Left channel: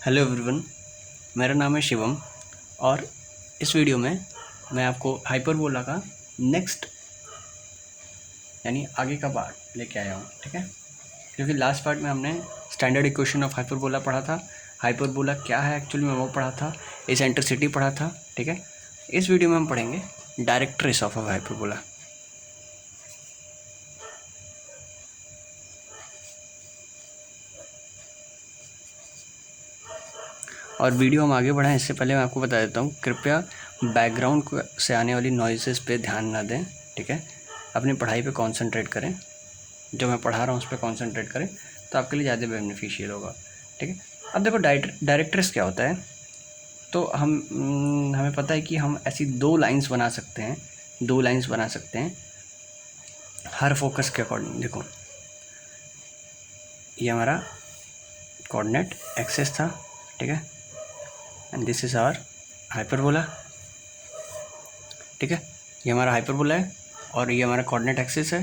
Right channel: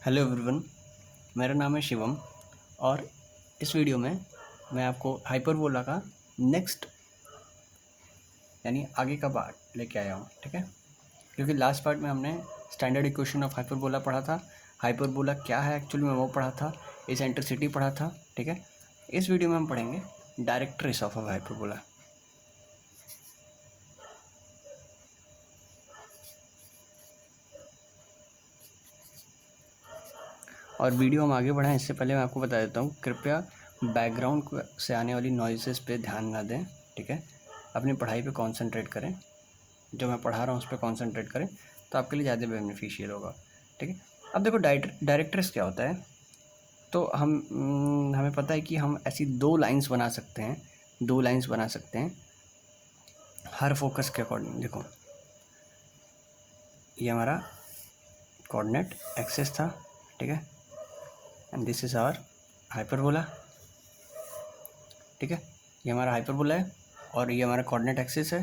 Hello everyone, मेरा नाम है शिवम और इस वीडियो में मैं आपको हाइपरबोला का नेक्स्ट यानी आगे का पार्ट लेके आया हूँ। ठीक है, क्योंकि लास्ट पार्ट में हमने स्टैंडर्ड इक्वेशन ऑफ हाइपरबोला पढ़ा था, हाइपरबोला क्या है एक्चुअली में वो पढ़ा था, एसेंट्रिसिटी पढ़ा था। ठीक है, इस वीडियो में हम पढ़ेंगे डायरेक्ट ट्रेस ऑफ हाइपरबोला। और वीडियो हम आगे बढ़ाएं इससे पहले मैं आपको बता देता हूँ, कृपया बैकग्राउंड से आने वाली नॉइसेस पे ध्यान ना दें। ठीक है, अपनी पढ़ाई पे कंसंट्रेट करें, जो मैं पढ़ा रहा हूँ उस पर कंसंट्रेट करें तो आपके लिए ज़्यादा बेनिफिशियल होगा। ठीक है, अब देखो डायरेक्ट्रेस क्या होता है। तो हमें पता है कि हम ऐसी दो लाइंस बना सकते हैं, हर फोकस के अकॉर्डिंग। देखो, ये हमारा कोऑर्डिनेट एक्सिस था। ठीक है, and this is our hyperbola. ठीक है, ये हमारा हाइपरबोला है और ये हमारा कोऑर्डिनेट एक्सिस है।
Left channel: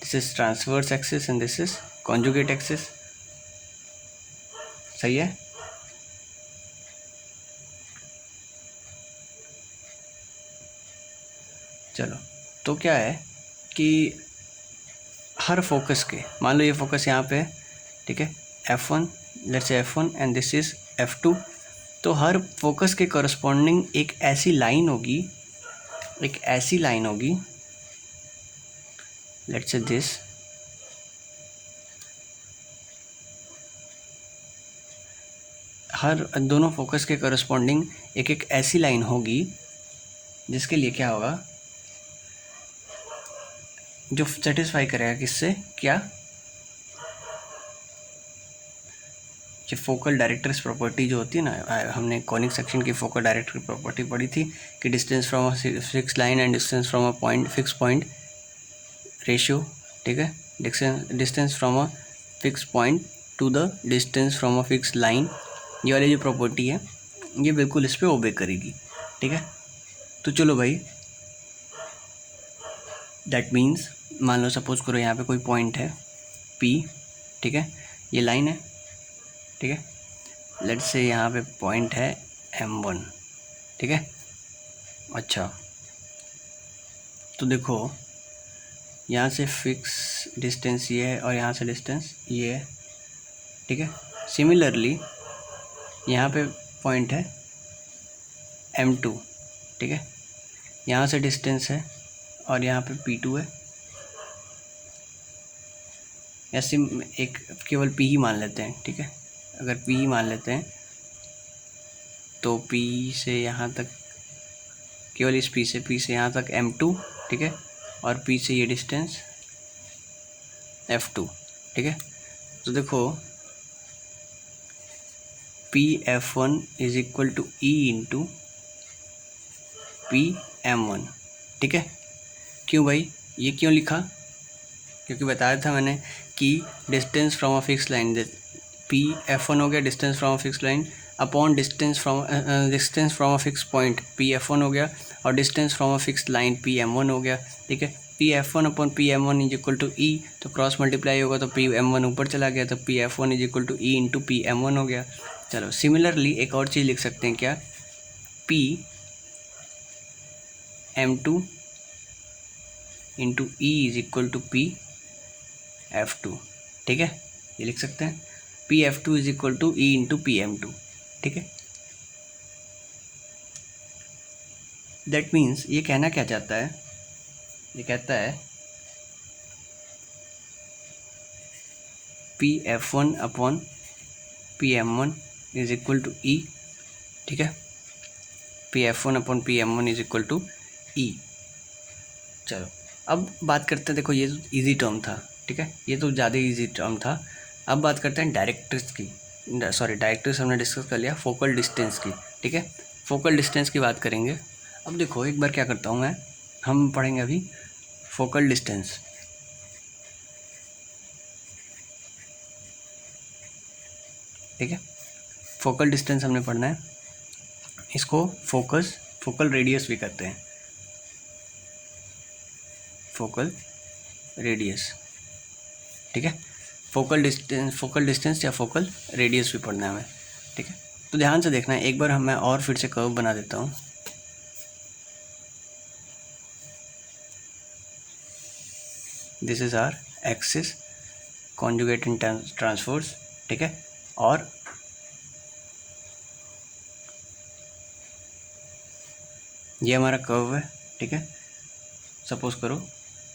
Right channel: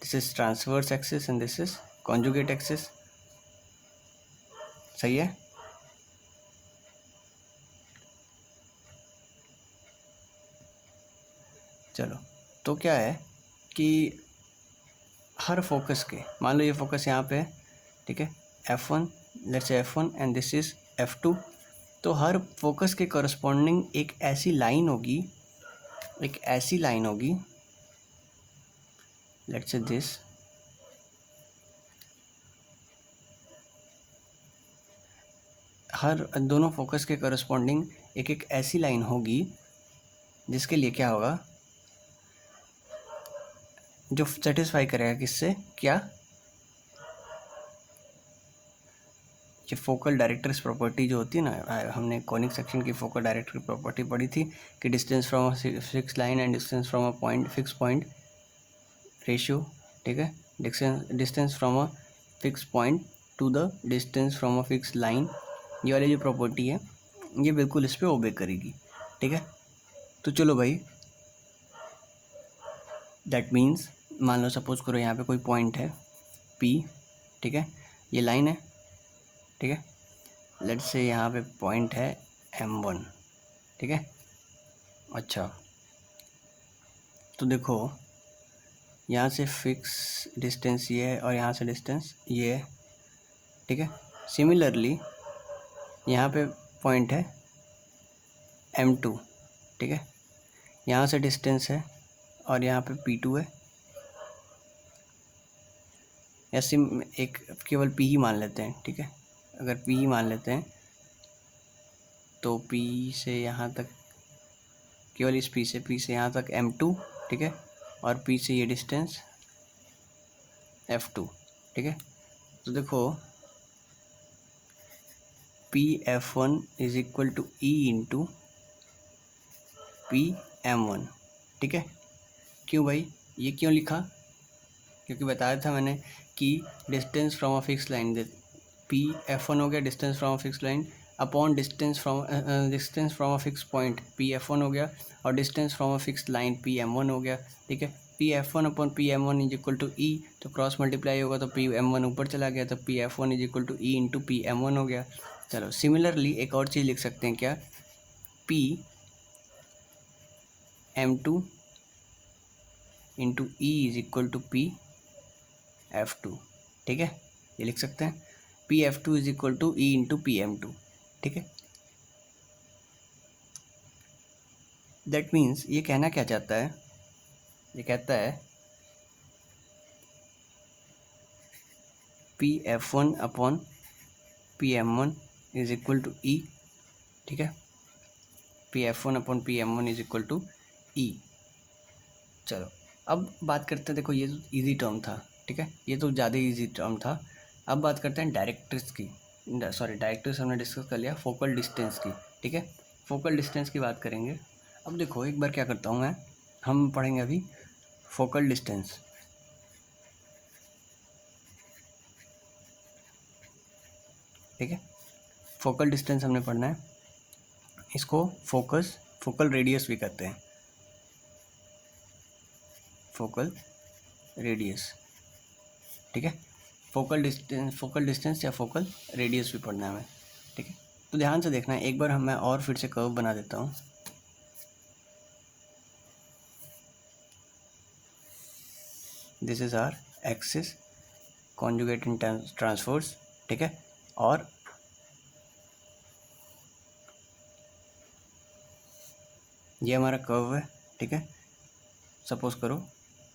This is transverse axis and this is conjugate axis. सही है। चलो, तो क्या है कि हर फोकस के, मान लो ये फोकस यहाँ पे है। ठीक है, F1, लेट्स से F1 and this is F2। तो हर फोकस के करस्पॉन्डिंग एक ऐसी लाइन होगी, लेट्स से दिस। हर दोनों फोकस के करस्पॉन्डिंग एक ऐसी लाइन होगी जिसके लिए क्या होगा, जो सेटिस्फाई करेगा किससे, क्या, ये फोकल डायरेक्ट्रिक्स प्रॉपर्टी जो होती है ना, हमने कॉनिक सेक्शन की फोकल डायरेक्ट्रिक प्रॉपर्टी पढ़ी थी कि distance from a fix line and distance from a point fix point ratio. ठीक है, distance from a fix point two the distance from a fix line, ये वाली जो प्रॉपर्टी है ये बिल्कुल इस पर ओबे करेगी। ठीक है, तो चलो भाई, दैट मीन्स मान लो सपोज करो यहाँ पे कोई पॉइंट है P। ठीक है, ये लाइन है। ठीक है, लेट्स से यहाँ पे पॉइंट है M1। ठीक है, अच्छा, तो देखो यहाँ से फिक्स डिस्टेंस ये है और यहाँ से डिस्टेंस ये है। ठीक है, सिमिलरली यहाँ पे पॉइंट है M2। ठीक है, यहाँ से डिस्टेंस है और यहाँ पे P2 है। ऐसे एक केवल P ही मान लेते हैं। ठीक है, अगर P ही मान लेते हैं तो P से यहाँ तक, केवल इस P से यहाँ तक M2। ठीक है, और P से ये डिस्टेंस F2। ठीक है, तो देखो P_F1 is equal to E into P_M1। ठीक है, क्यों भाई, ये क्यों लिखा, क्योंकि बताया था मैंने कि distance from a fix line, P_F1 हो गया distance from a fix line upon distance from a fix point P_F1 हो गया, और distance from a fix line P_M1 हो गया। ठीक है, P_F1 upon P_M1 is equal to E, तो क्रॉस मल्टीप्लाई होगा तो P_M1 ऊपर चला गया, तो P_F1 is equal to E into P_M1 हो गया। चलो, सिमिलरली एक और चीज़ लिख सकते हैं, क्या, P_M2 into E is equal to P_F2। ठीक है, ये लिख सकते हैं P_F2 is equal to E into P_M2। ठीक है, दैट मीन्स ये कहना क्या चाहता है, ये कहता है P_F1 upon P_M1 is equal to E। ठीक है, P_F1 upon P_M1 is equal to E। चलो, अब बात करते हैं, देखो ये तो ईजी टर्म था। ठीक है, ये तो ज़्यादा ईजी टर्म था। अब बात करते हैं डायरेक्ट्रिक्स की, डायरेक्ट्रिक्स हमने डिस्कस कर लिया, फोकल डिस्टेंस की। ठीक है, फोकल डिस्टेंस की बात करेंगे। अब देखो एक बार क्या करता हूँ मैं, हम पढ़ेंगे अभी फोकल डिस्टेंस। ठीक है, फोकल डिस्टेंस हमने पढ़ना है, इसको फोकल रेडियस भी कहते हैं, फोकल रेडियस। ठीक है, फोकल डिस्टेंस या फोकल रेडियस भी पढ़ना है हमें। ठीक है। तो ध्यान से देखना, एक बार मैं और फिर से कर्व बना देता हूँ। This is our axis conjugate in transverse, ठीक है। और ये हमारा कर्व है, ठीक है। सपोज करो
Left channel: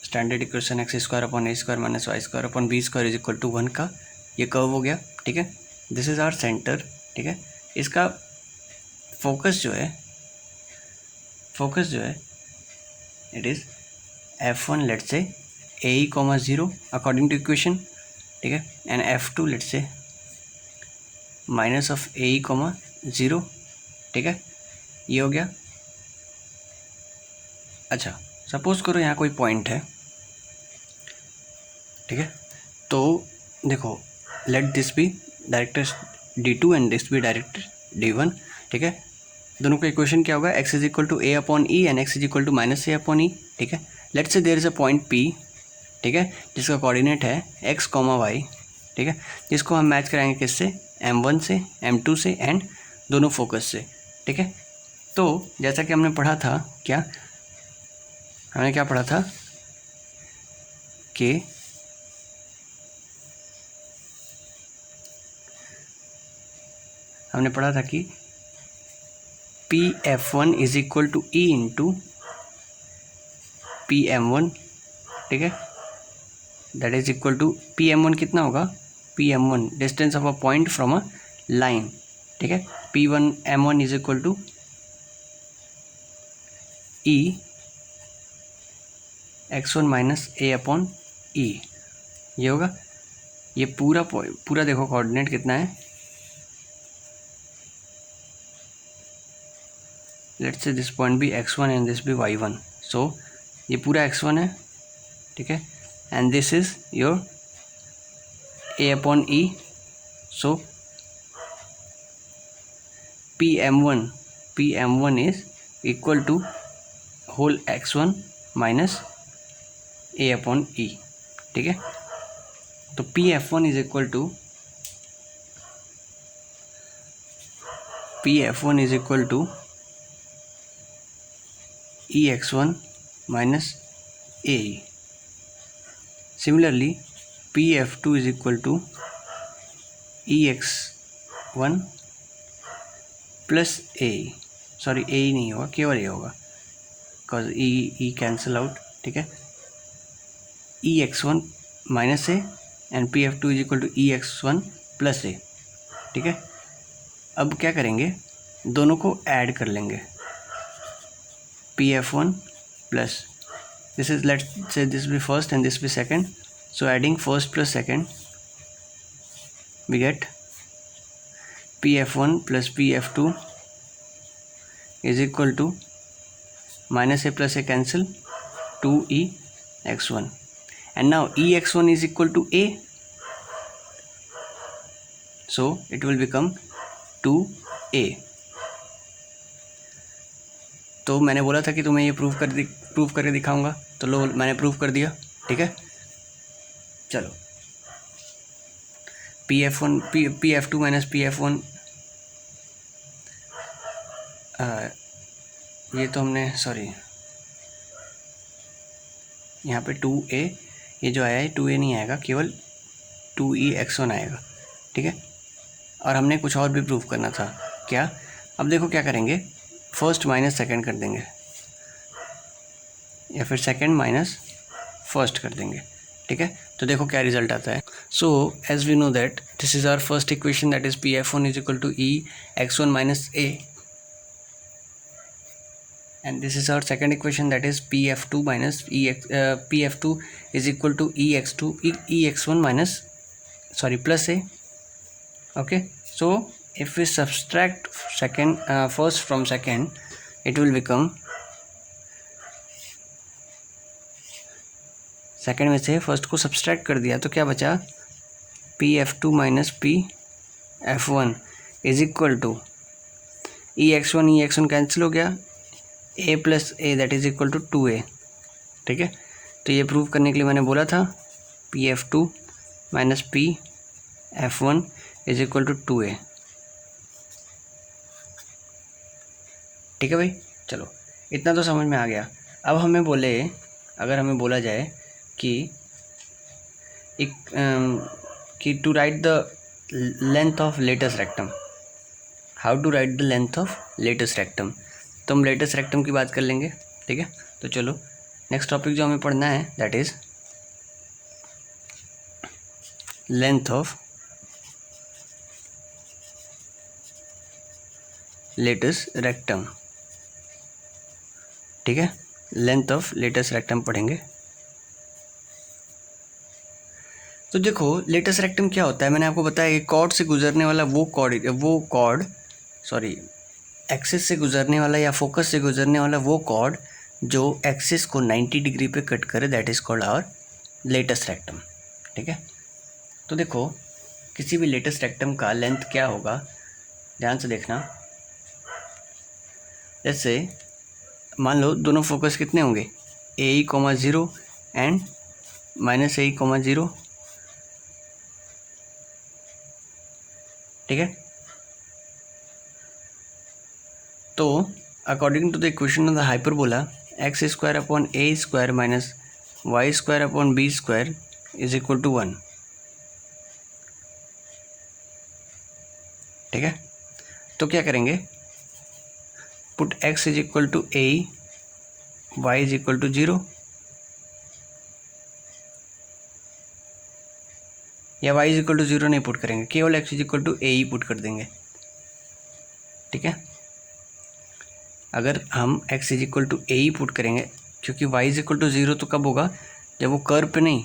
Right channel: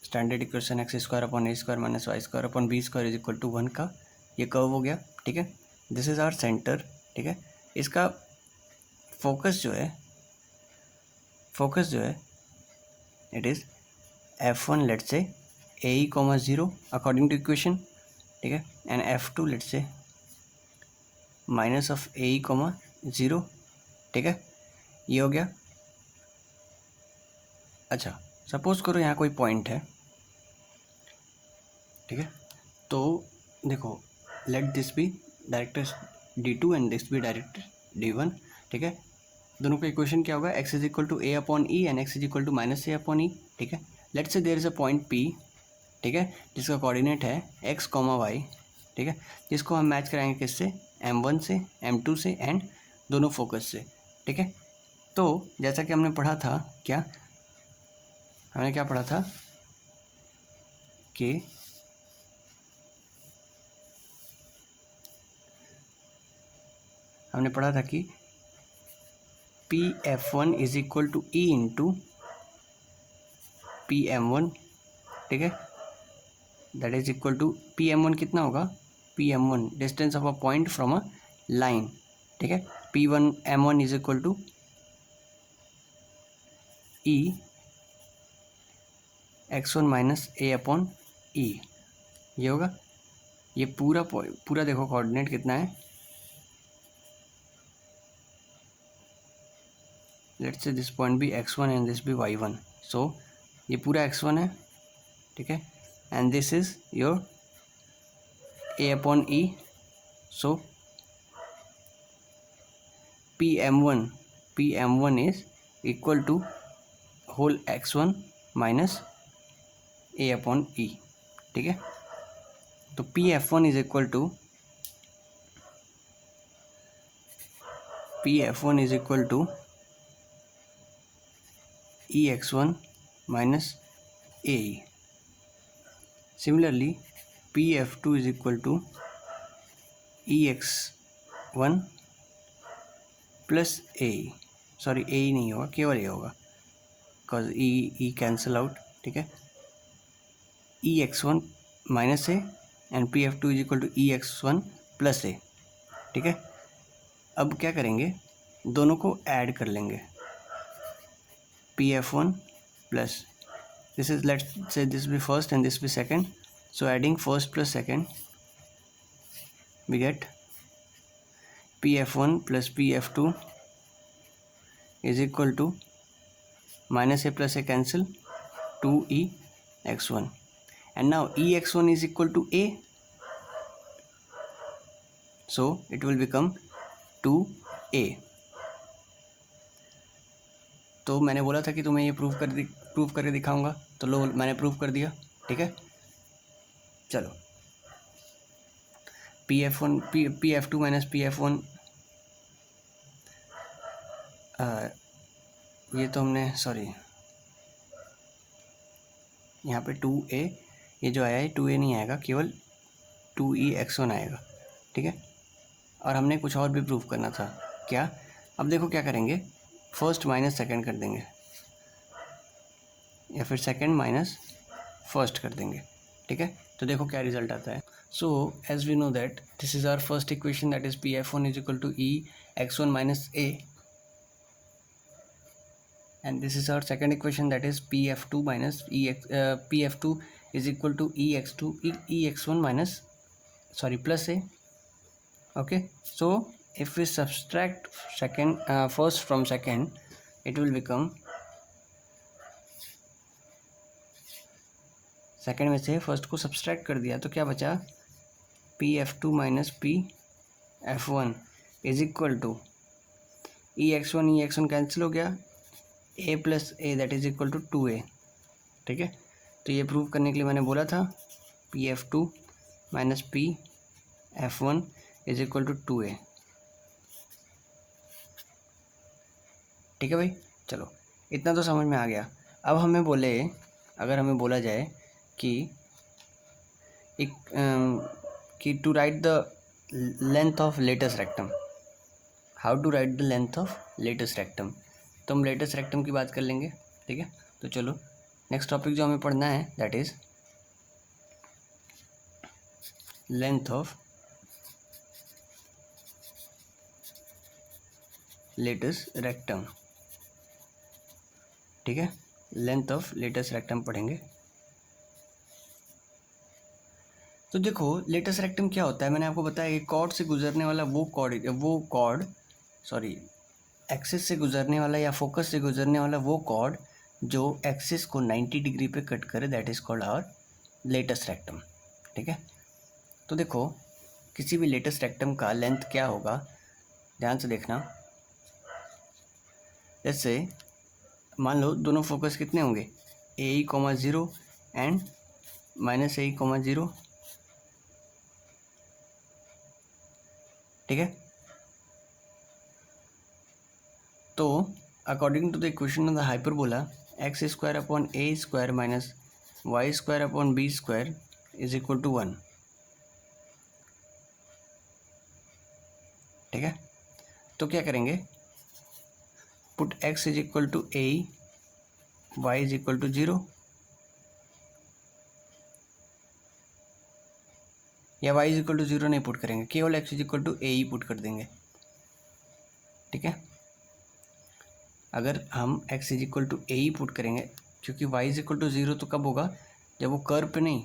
standard equation X square upon A square minus Y square upon B square is equal to 1 का ये कर्व हो गया, ठीक है। दिस इज आवर सेंटर, ठीक है। इसका फोकस जो है it is f1 let's say A comma 0 according to equation, ठीक है, and f2 let's say minus of A comma 0, ठीक है। ये हो गया। अच्छा, सपोज करो यहाँ कोई पॉइंट है, ठीक है। तो देखो, let this be director d2 and this be director d1, ठीक है। दोनों का इक्वेशन क्या होगा, x is equal to a upon e and x is equal to minus a upon e, ठीक है। Let's say there is a point P, ठीक है, जिसका कोऑर्डिनेट है x, y, ठीक है, जिसको हम मैच कराएंगे किससे, m1 से, m2 से एंड दोनों फोकस से, ठीक है। तो जैसा कि हमने पढ़ा था, हमने क्या पढ़ा था कि हमने पढ़ा था कि Pf1 is equal to E into Pm1, ठीक है। That is equal to Pm1 कितना होगा, Pm1 distance of a point from a line, ठीक है। P1m1 is equal to e x1 minus a upon e, ये होगा। ये पूरा देखो कोऑर्डिनेट कितना है, लेट्स से दिस पॉइंट भी x1 एंड दिस भी y1, सो ये पूरा x1 है, ठीक है, and this is your a upon e, so Pm1 is equal to whole x1 minus a upon e, ठीक है। तो Pf1 is equal to ex1 minus ae. Similarly, Pf2 is equal to ex1 plus ae. Sorry ae नहीं होगा, केवल a होगा, because e cancel out, ठीक है। ex1 minus a and Pf2 is equal to ex1 plus a, ठीक है। अब क्या करेंगे, दोनों को ऐड कर लेंगे, Pf1 plus this is, let's say this be first and this be second, so adding first plus second we get Pf1 plus Pf2 is equal to minus a plus a cancel 2ex1, and now ex1 is equal to a, so it will become 2a. तो मैंने बोला था कि तुम्हें ये prove करके दिखाऊंगा, तो लो मैंने प्रूव कर दिया, ठीक है। चलो Pf2 माइनस Pf1, ये तो हमने, सॉरी यहाँ पे 2a, ये जो आया है 2a नहीं आएगा, केवल 2ex1 आएगा, ठीक है। और हमने कुछ और भी प्रूव करना था, क्या, अब देखो क्या करेंगे, फर्स्ट माइनस सेकंड कर देंगे या फिर सेकंड माइनस फर्स्ट कर देंगे, ठीक है। तो देखो क्या रिजल्ट आता है। So as we know that this is our first equation, that is Pf1 is equal to ex1 minus a, and this is our second equation, that is Pf2 minus Pf2 is equal to ex1 minus plus a, okay. So if we subtract first from second, it will become, second में से first को subtract कर दिया तो क्या बचा, Pf2 minus Pf1 is equal to ex1 cancel हो गया, a plus a that is equal to 2a, ठीक है। तो ये प्रूव करने के लिए मैंने बोला था Pf2 minus Pf1 is equal to 2a, ठीक है भाई, चलो इतना तो समझ में आ गया। अब अगर हमें बोला जाए कि एक कि to write the length of latus rectum, how to write the length of latus rectum, तो हम लेटेस्ट रेक्टम की बात कर लेंगे। ठीक है, तो चलो नेक्स्ट टॉपिक जो हमें पढ़ना है that is length of latus rectum. ठीक है, लेंथ ऑफ लेटेस्ट रेक्टम पढ़ेंगे। तो देखो लेटेस्ट रेक्टम क्या होता है, मैंने आपको बताया कि कॉर्ड से गुजरने वाला एक्सिस से गुजरने वाला या फोकस से गुजरने वाला वो कॉर्ड जो एक्सिस को 90 डिग्री पे कट करे, that is called our latus rectum. ठीक है, तो देखो किसी भी लेटेस्ट रेक्टम का लेंथ क्या होगा, ध्यान से देखना। जैसे मान लो दोनों फोकस कितने होंगे, AE,0 एंड -AE,0। ठीक है, तो according to the equation of the hyperbola x² / -y² / b² is equal to 1। ठीक है, तो क्या करेंगे, put x is equal to a, y is equal to 0, या y इज इक्वल टू 0 नहीं पुट करेंगे, केवल x is equal to a ही पुट कर देंगे। ठीक है, अगर हम x is equal to a ही पुट करेंगे, क्योंकि y इज इक्वल टू 0 तो कब होगा, जब वो कर्व पे नहीं,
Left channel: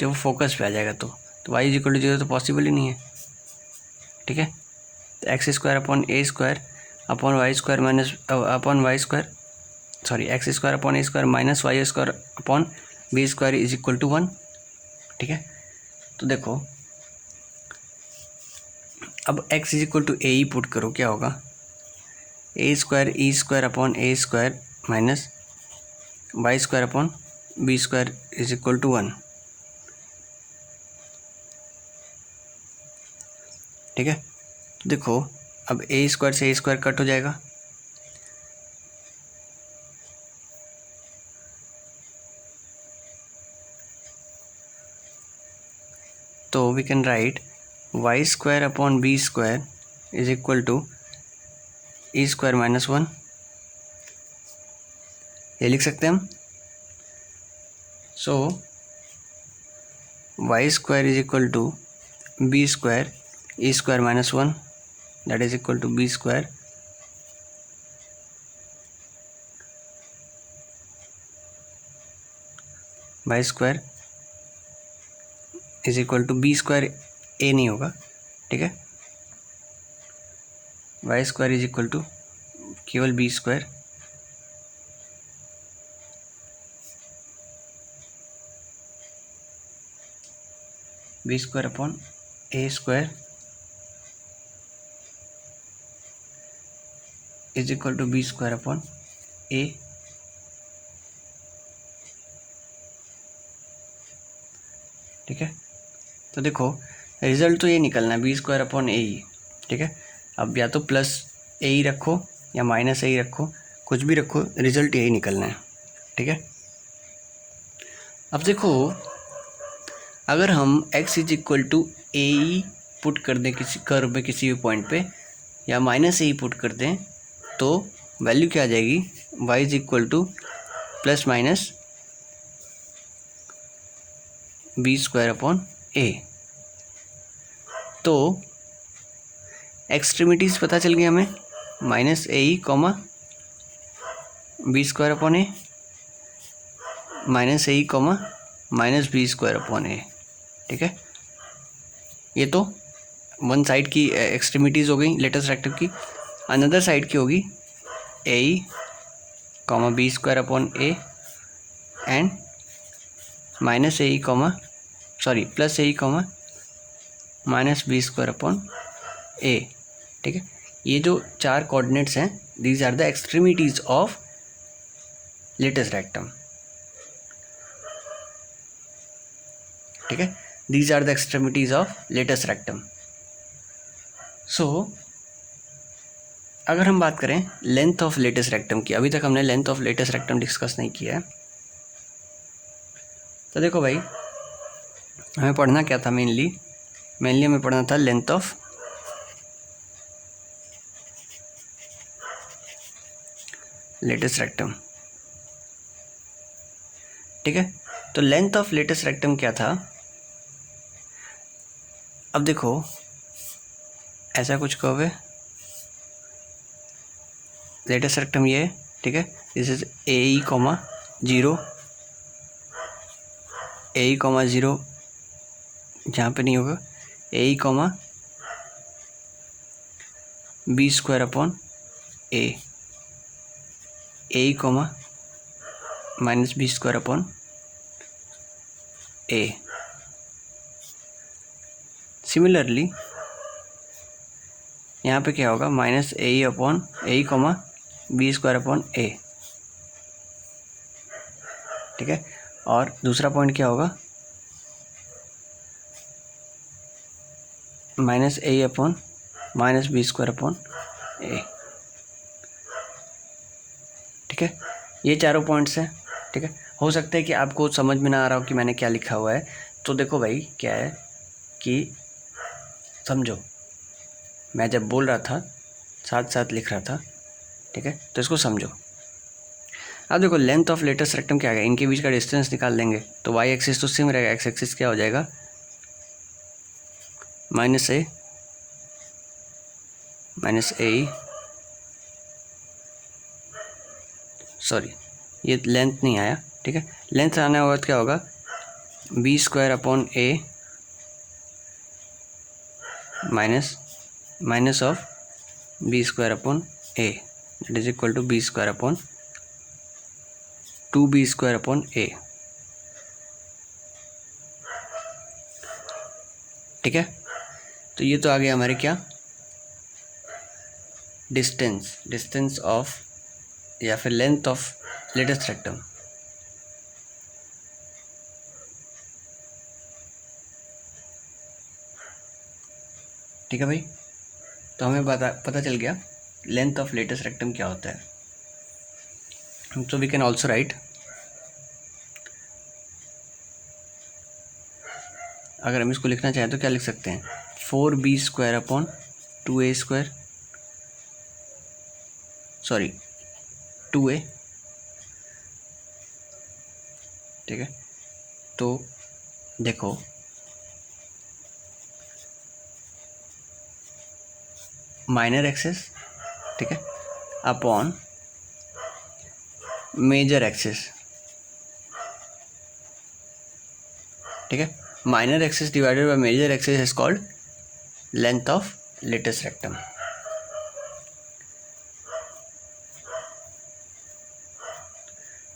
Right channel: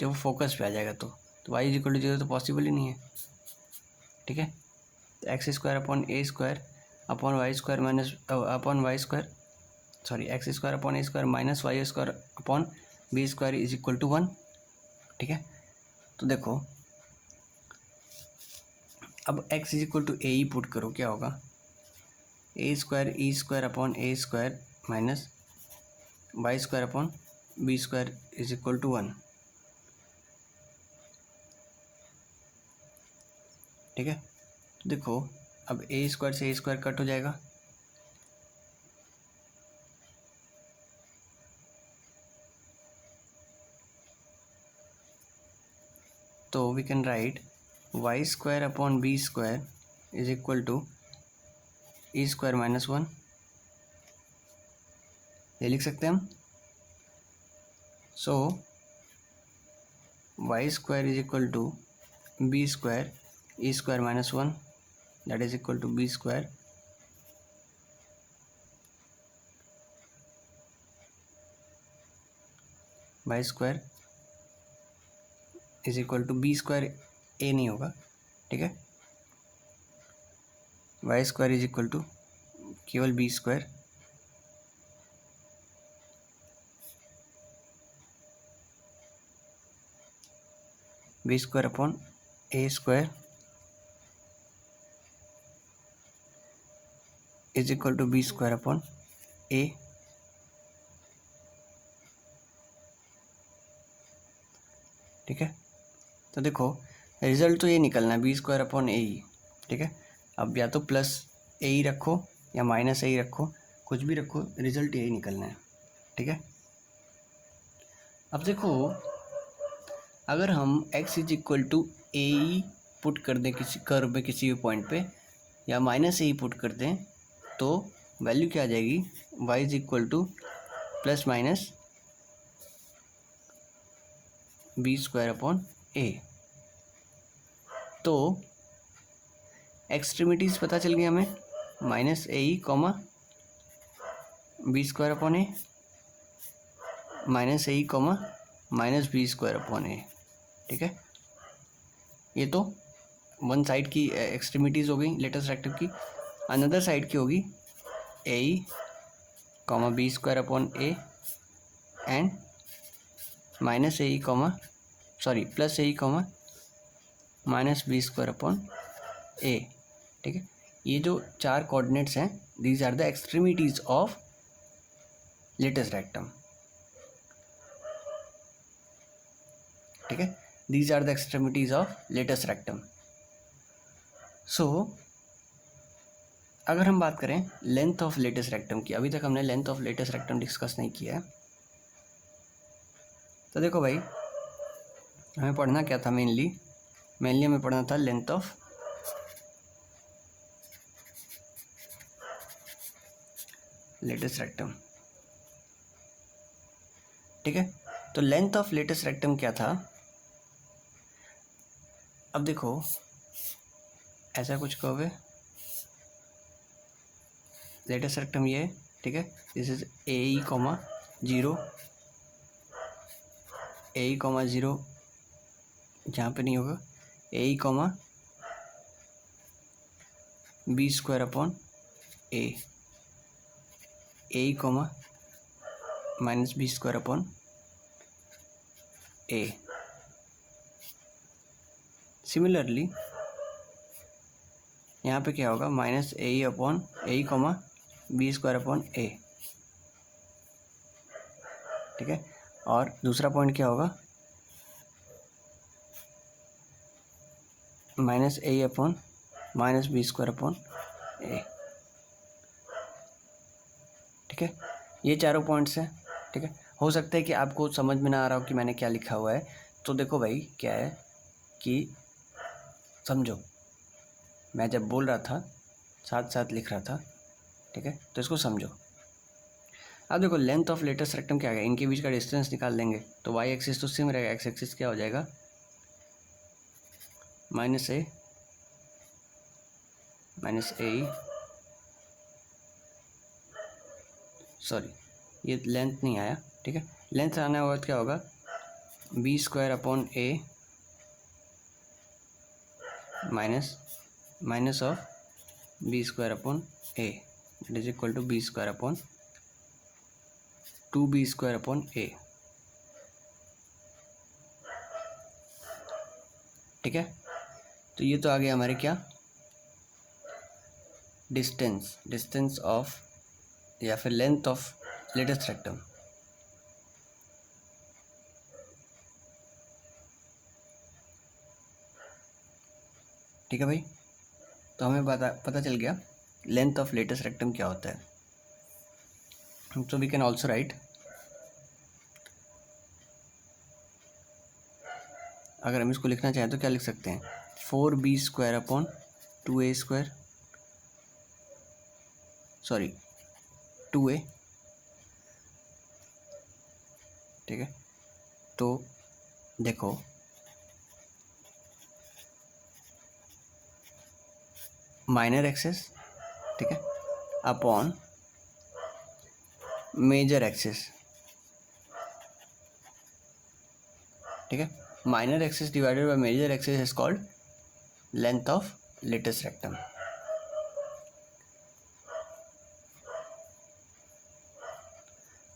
जब वो फोकस पे आ जाएगा तो y इज इक्वल टू 0 तो पॉसिबल ही नहीं है। ठीक है, तो x² / a² / y² - y² is equal to 1। ठीक है, तो देखो अब x is equal to a ही पुट करो, क्या होगा, a² e² / a² - y² / b² is equal to 1। ठीक है, देखो अब a² से a² कट हो जाएगा, तो we can write y² / b² is equal to e² - 1, ये लिख सकते हैं हम। So y² is equal to b² e² - 1, that is equal to b² y² is equal to b², a नहीं होगा। ठीक है, y² इज इक्वल टू केवल b², b² upon a² is equal to b² upon a। ठीक है, तो देखो result तो ये निकलना है b² अपॉन a ही। ठीक है, अब या तो प्लस a ही रखो या माइनस a ही रखो, कुछ भी रखो, रिजल्ट यही निकलना है। ठीक है, अब देखो अगर हम x is equal to a ही पुट कर दें किसी कर्व में किसी भी पॉइंट पे, या माइनस a ही पुट कर दें, तो वैल्यू क्या आ जाएगी, y is equal two plus minus b² upon a। तो एक्सट्रीमिटीज़ पता चल गई हमें, -AE, b² upon a, -AE, -b² upon a। ठीक है, ये तो वन साइड की एक्सट्रीमिटीज़ हो गई लेटेस्ट रेक्टम की। अनदर साइड की होगी AE, b² upon a and -AE, plus AE, -b² upon a। ठीक है, ये जो चार कोऑर्डिनेट्स हैं, these are the extremities of latus rectum. ठीक है, these are the extremities of latest rectum. So अगर हम बात करें लेंथ ऑफ लेटेस्ट रेक्टम की, अभी तक हमने length of latus rectum discuss नहीं किया है। तो देखो भाई, हमें पढ़ना क्या था मेनली हमें पढ़ना था लेंथ ऑफ लेटेस्ट रेक्टम, ठीक है। तो लेंथ ऑफ लेटेस्ट रेक्टम क्या था, अब देखो ऐसा कुछ कर्व है, लेटेस्ट रेक्टम ये, ठीक है। This is a comma 0, a comma 0 जहाँ पे नहीं होगा, a comma b square upon a comma minus b square upon a. Similarly यहाँ पे क्या होगा, minus a upon a comma b square upon a, ठीक है। और दूसरा पॉइंट क्या होगा, minus a upon minus b square upon a, ठीक है। ये चारों पॉइंट्स हैं, ठीक है। हो सकता है कि आपको समझ में ना आ रहा हो कि मैंने क्या लिखा हुआ है, तो देखो भाई क्या है कि समझो, मैं जब बोल रहा था साथ साथ लिख रहा था, ठीक है। तो इसको समझो। अब देखो लेंथ ऑफ लेटेस्ट रेक्टम क्या है, इनके बीच का डिस्टेंस निकाल लेंगे तो वाई एक्सिस तो सेम रहेगा, एक्स एक्सिस क्या हो जाएगा, माइनस ए सॉरी ये लेंथ नहीं आया, ठीक है। लेंथ आने होगा तो क्या होगा, b square upon a minus of b square upon a, that is equal to b square upon 2b square upon a, ठीक है। तो ये तो आ गया हमारे क्या, डिस्टेंस ऑफ या फिर लेंथ ऑफ लेटेस्ट रेक्टम। ठीक है भाई, तो हमें पता चल गया लेंथ ऑफ लेटेस्ट रेक्टम क्या होता है। So we can also write, अगर हम इसको लिखना चाहें तो क्या लिख सकते हैं, 4b square upon 2a square, sorry 2a, ठीक है। तो देखो माइनर एक्सिस, ठीक है, अपॉन मेजर एक्सिस, ठीक है। Minor axis divided by major axis is called length of latus rectum.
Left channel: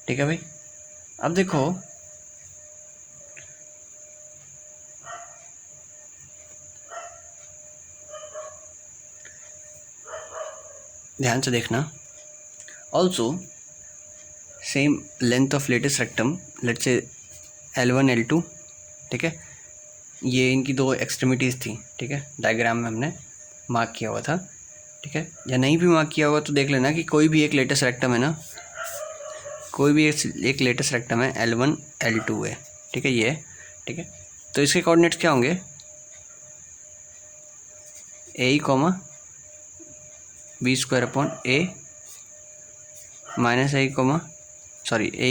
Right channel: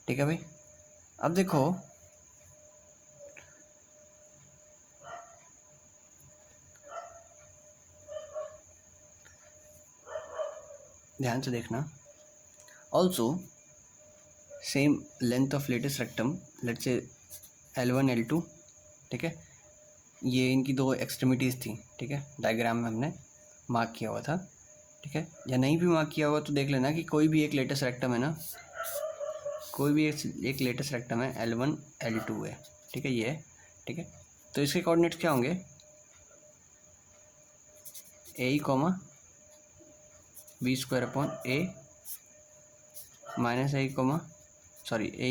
ठीक है भाई, अब देखो ध्यान से देखना, also same length of latus rectum, let's say L1 L2, ठीक है। ये इनकी दो एक्सट्रीमिटीज़ थी, ठीक है, डायग्राम में हमने मार्क किया हुआ था, ठीक है। या नहीं भी मार्क किया हुआ तो देख लेना कि कोई भी एक लेटेस्ट रेक्टम है ना, कोई भी एक लेटेस्ट रेक्टम है L1 L2 है, ठीक है, ये है, ठीक है। तो इसके कोऑर्डिनेट्स क्या होंगे, a comma b square upon a minus a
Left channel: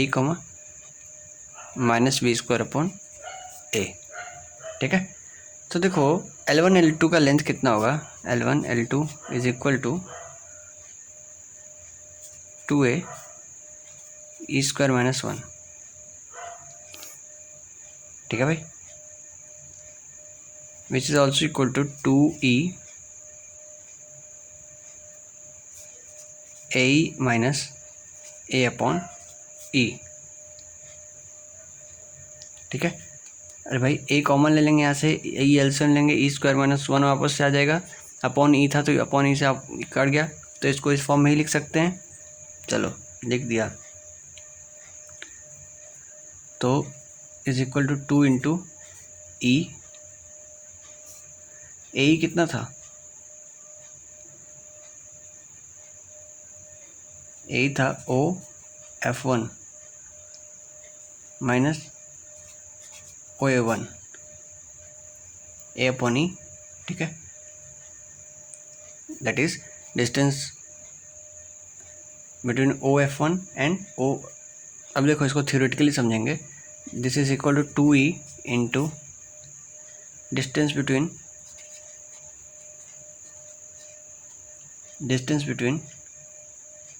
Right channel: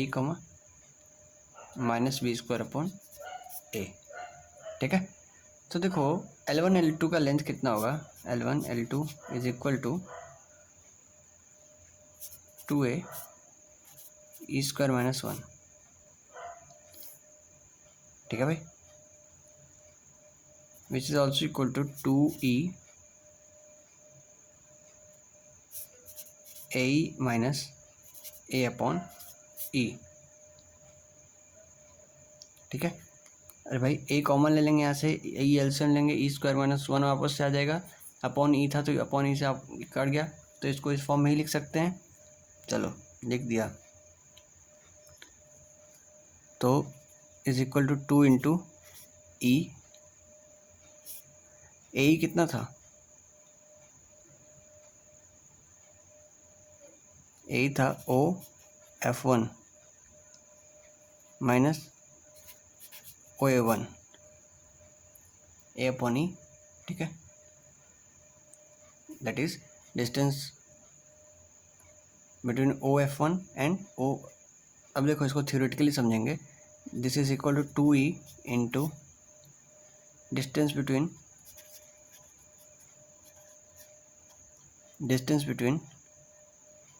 comma minus b square upon a, ठीक है। तो देखो L1 L2 का लेंथ कितना होगा, L1 L2 is equal to 2a e square minus 1, ठीक है भाई, which is also equal to 2e a minus a upon e, ठीक है। अरे भाई ए कॉमन ले लेंगे यहाँ से, ए एलसीएम लेंगे, ई स्क्वायर माइनस 1 वापस से आ जाएगा, अपॉन ई था तो अपॉन ई से आप कट गया, तो इसको इस फॉर्म में ही लिख सकते हैं। चलो लिख दिया, तो इज इक्वल टू 2 इंटू ई, ए कितना था, यही था OF1 माइनस OA1 A/E, ठीक है, that is distance between OF1 and O। अब देखो इसको थ्योरेटिकली समझेंगे। This is equal to 2E into distance between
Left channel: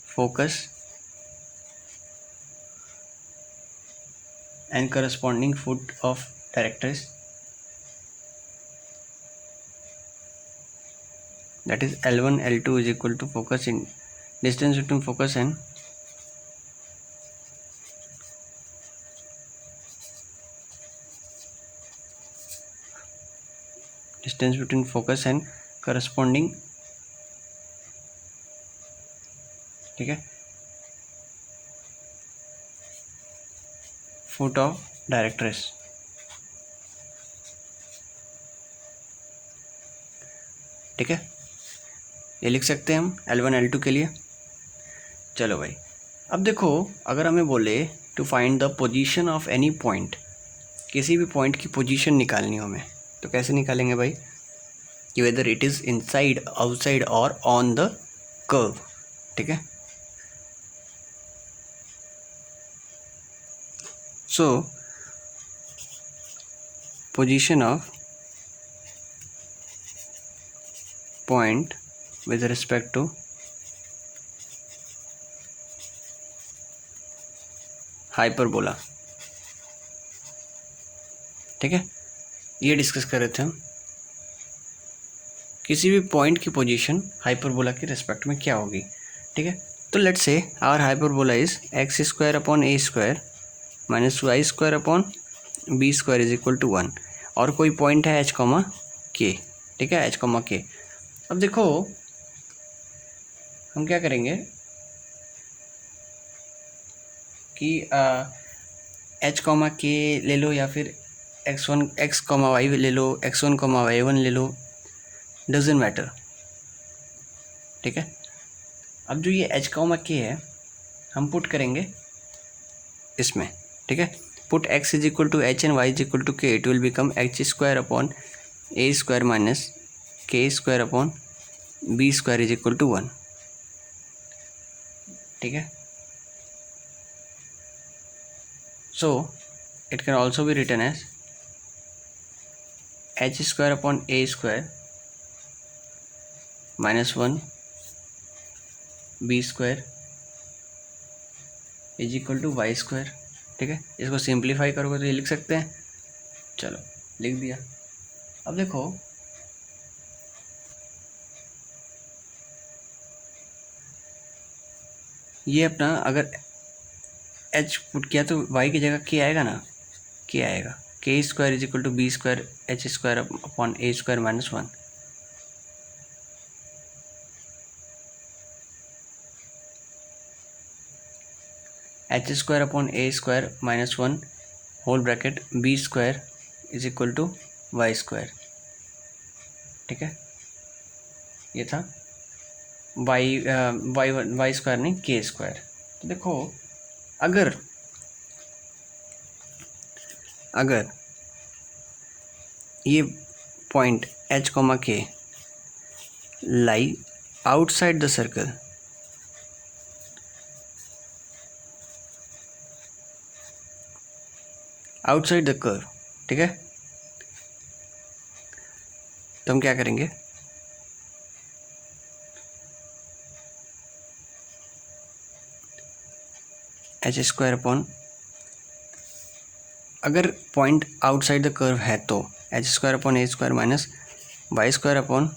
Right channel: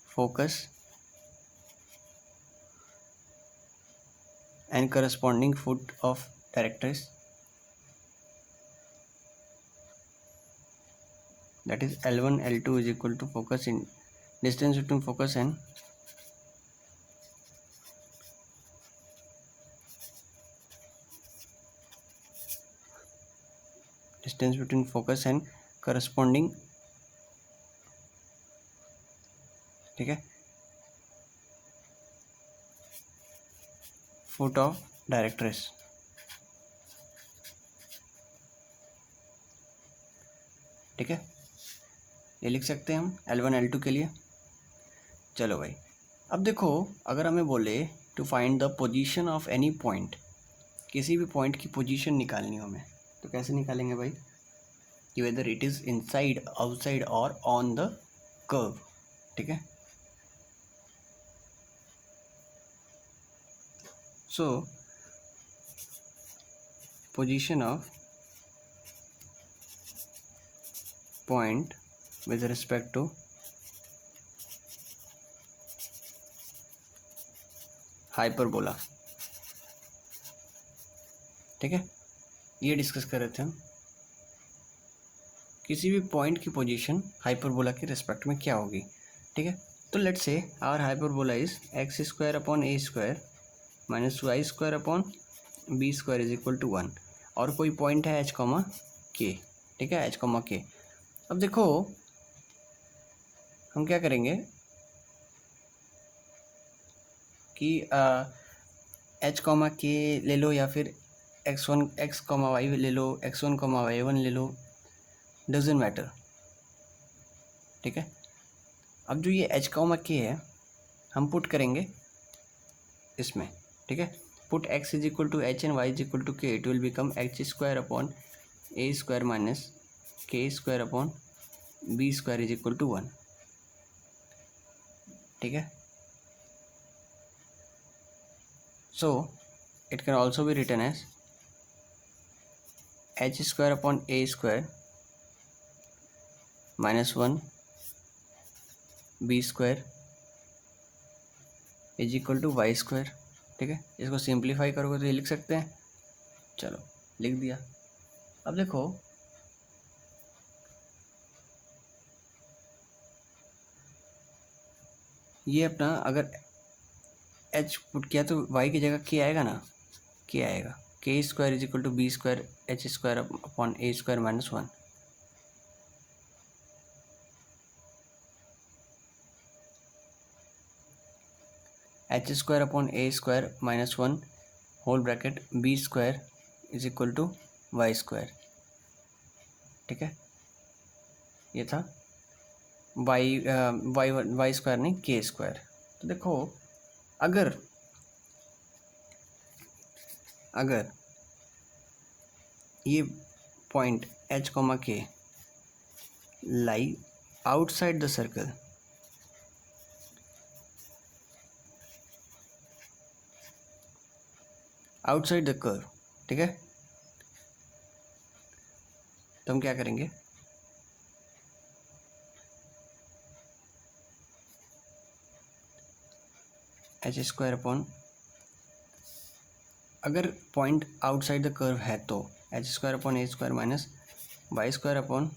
focus and corresponding foot of directress, that is L1 L2 is equal to focus in distance between focus and corresponding, ठीक है, foot of directress। ठीक है, ये लिख सकते हैं हम L1 L2 के लिए। चलो भाई, अब देखो अगर हमें बोले to find the position of any point, किसी भी पॉइंट की पोजीशन निकालनी हो हमें, तो कैसे निकालेंगे भाई, कि whether it is inside, outside और ऑन द कर्व। ठीक है, सो position of point with respect to hyperbola. ठीक है, ये डिस्कस कर रहे थे हम, किसी भी पॉइंट की पोजीशन हाइपरबोला के रिस्पेक्ट में क्या होगी। ठीक है, तो let's say our hyperbola is x² upon a² minus y² upon b² is equal to 1 और कोई पॉइंट है h, k। ठीक है, h, k। अब देखो हम क्या करेंगे कि h, k ले लो या फिर x, y ले लो, x1, y1 ले लो, डजेंट मैटर। ठीक है, अब जो ये h, k है हम पुट करेंगे इसमें। ठीक है, put x is equal to h and y is equal to k, it will become h² upon a² minus k² upon b² is equal to 1। ठीक है, so it can also be written as h² upon a² minus 1 b² is equal to y²। ठीक है, इसको simplify करोगे तो ये लिख सकते हैं। चलो लिख दिया। अब देखो ये अपना अगर h पुट किया तो y की जगह k आएगा ना, k आएगा, k² is equal to b² h² upon a² minus 1। h² upon a² minus 1 whole bracket b² is equal to y²। ठीक है, ये था y² नहीं k²। तो देखो अगर ये point h, k lie outside the circle, outside the curve. ठीक है, तो हम क्या करेंगे, h² अपॉन, अगर पॉइंट आउटसाइड द कर्व है तो h² upon a² minus y² upon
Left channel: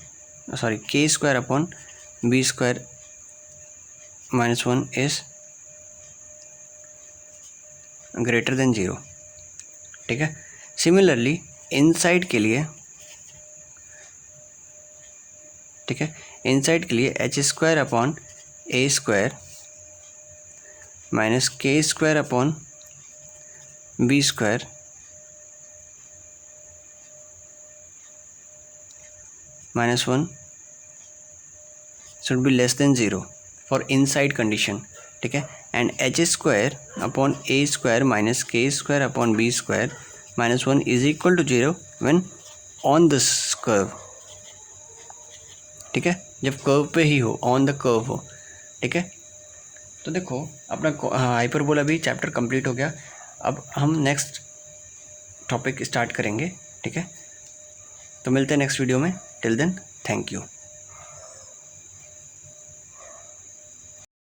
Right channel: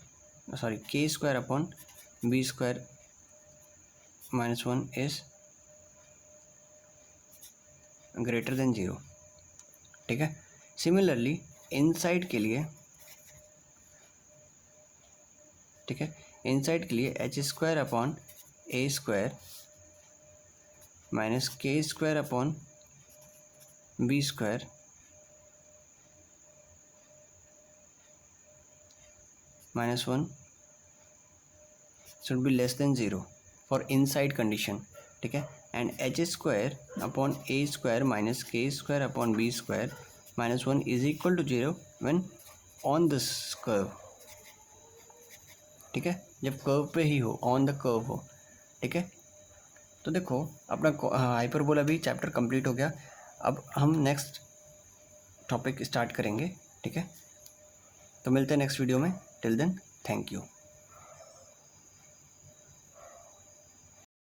k² upon b² minus 1 is greater than 0। ठीक है, सिमिलरली इनसाइड के लिए, ठीक है, इनसाइड के लिए h² upon a² minus k² upon b² minus 1 should be less than 0 for inside condition। ठीक है, and h square upon A square minus k square upon B square minus 1 is equal to 0 when on this curve. ठीक है, जब curve पे ही हो, on the curve हो। ठीक है, तो देखो अपना हाइपरबोला भी चैप्टर कंप्लीट हो गया। अब हम नेक्स्ट टॉपिक स्टार्ट करेंगे। ठीक है, तो मिलते हैं नेक्स्ट वीडियो में। Till then thank you.